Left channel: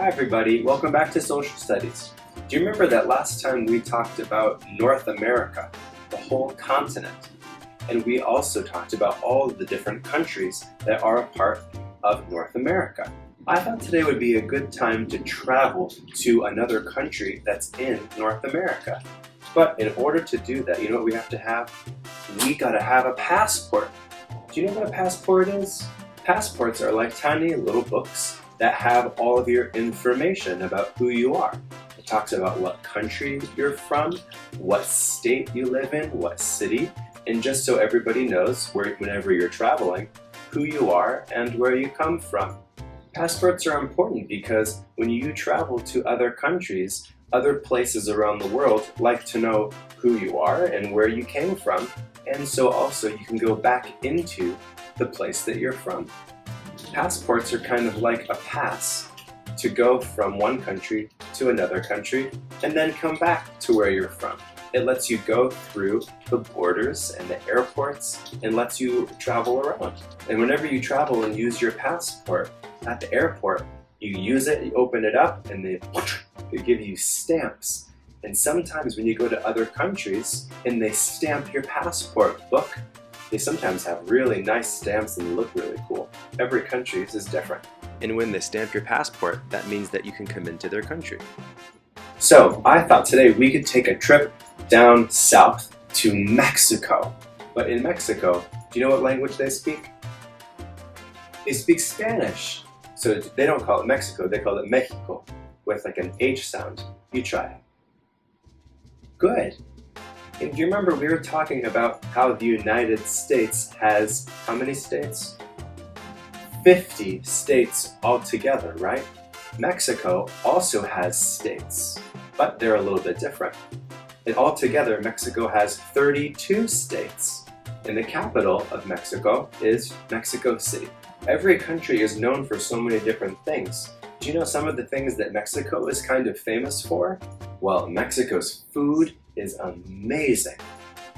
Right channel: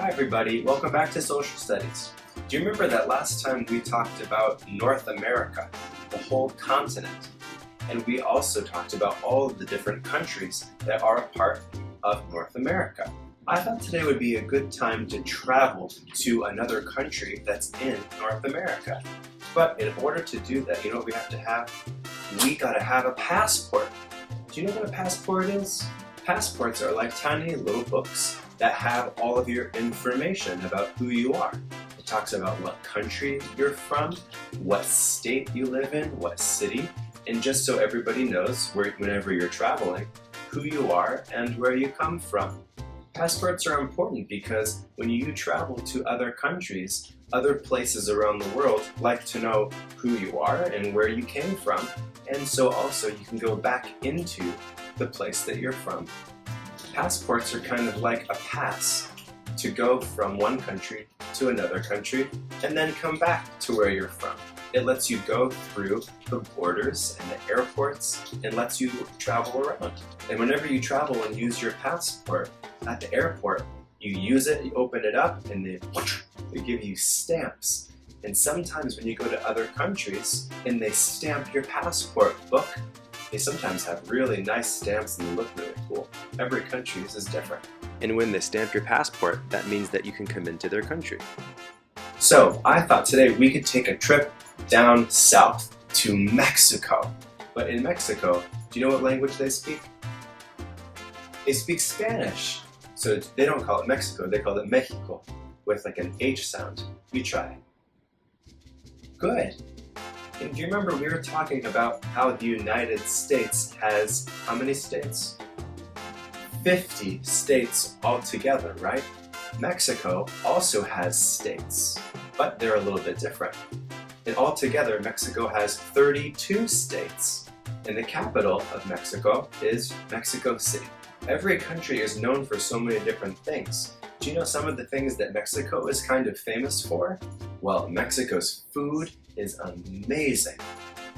Hi everybody, welcome back to Social Studies. Do you remember that last time we talked about North America, the whole continent? And we also talked about all of the different countries that are a part of North America. I thought today would be a good time to travel to another country that's in North America. But in order to do that, you know what we have to have? We gotta have a passport. Do you know what a passport is? Passports are like tiny little books that have all of your information about who you are. It talks about what country you're from, what state you live in, what city, and just so everybody knows whenever you're traveling, who you are and where you come from. Passports are important because when you travel to other countries, other places around the world like to know who you are and where you came from, and so also you can go back into the place that you're from. Passports are kind of like a pass to go from one country to another country and then come back to where you're from. It lets you go through the borders and the airports and lets you travel around. And whenever you travel and use your passport at the airport, you use it, you open it up, and they give you stamps. And sometimes when you go to other countries and they stamp your passport book, they sometimes have really nice stamps and look really cool. Every country is different. And when they stamp your passport, that means that you can come into their country. So I thought today we could take a trip down south to Mexico. But in Mexico, do you know what language they speak? They speak Spanish. So they don't call it Mexico, they call it Mexico with like an H sound. You try. Good. And do you remember we were talking about how the United States has how many states? 50 states altogether, right? Mexico also has states, but they're a little bit different. And altogether, Mexico has 32 states. And the capital of Mexico is Mexico City. Every country is known for so many different things. Do you know some of the things that Mexico is kind of famous for? Well, Mexico's food is amazing.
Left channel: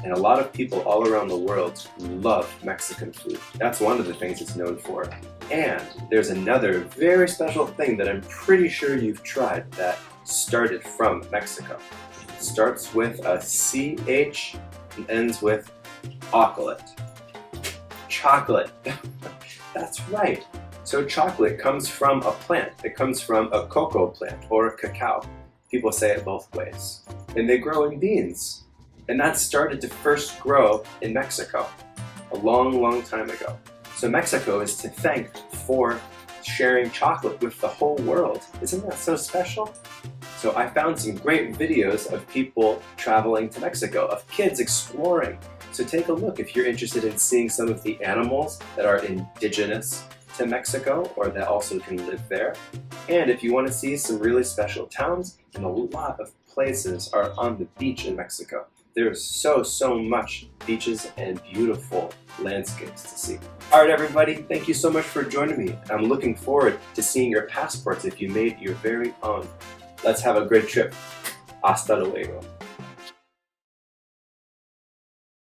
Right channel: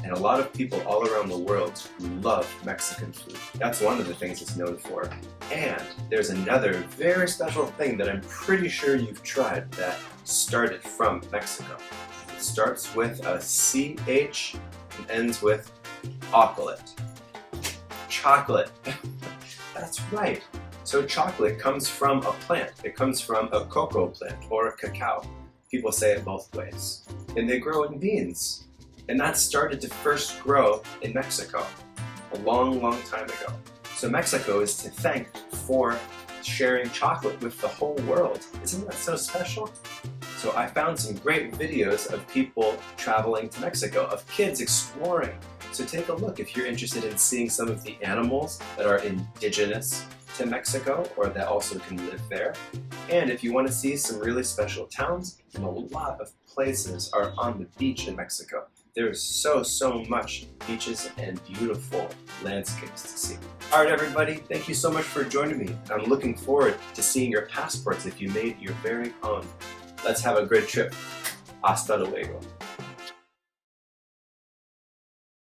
And a lot of people all around the world love Mexican food. That's one of the things it's known for. And there's another very special thing that I'm pretty sure you've tried that started from Mexico. It starts with a CH and ends with chocolate. Chocolate. That's right. So chocolate comes from a plant. It comes from a cocoa plant or a cacao. People say it both ways. And they grow in beans. And that started to first grow in Mexico a long, long time ago. So Mexico is to thank for sharing chocolate with the whole world. Isn't that so special? So I found some great videos of people traveling to Mexico, of kids exploring. So take a look if you're interested in seeing some of the animals that are indigenous to Mexico or that also can live there. And if you want to see some really special towns, and a lot of places are on the beach in Mexico. There is so much beaches and beautiful landscapes to see. All right, everybody, thank you so much for joining me. I'm looking forward to seeing your passports if you made your very own. Let's have a great trip. Hasta luego.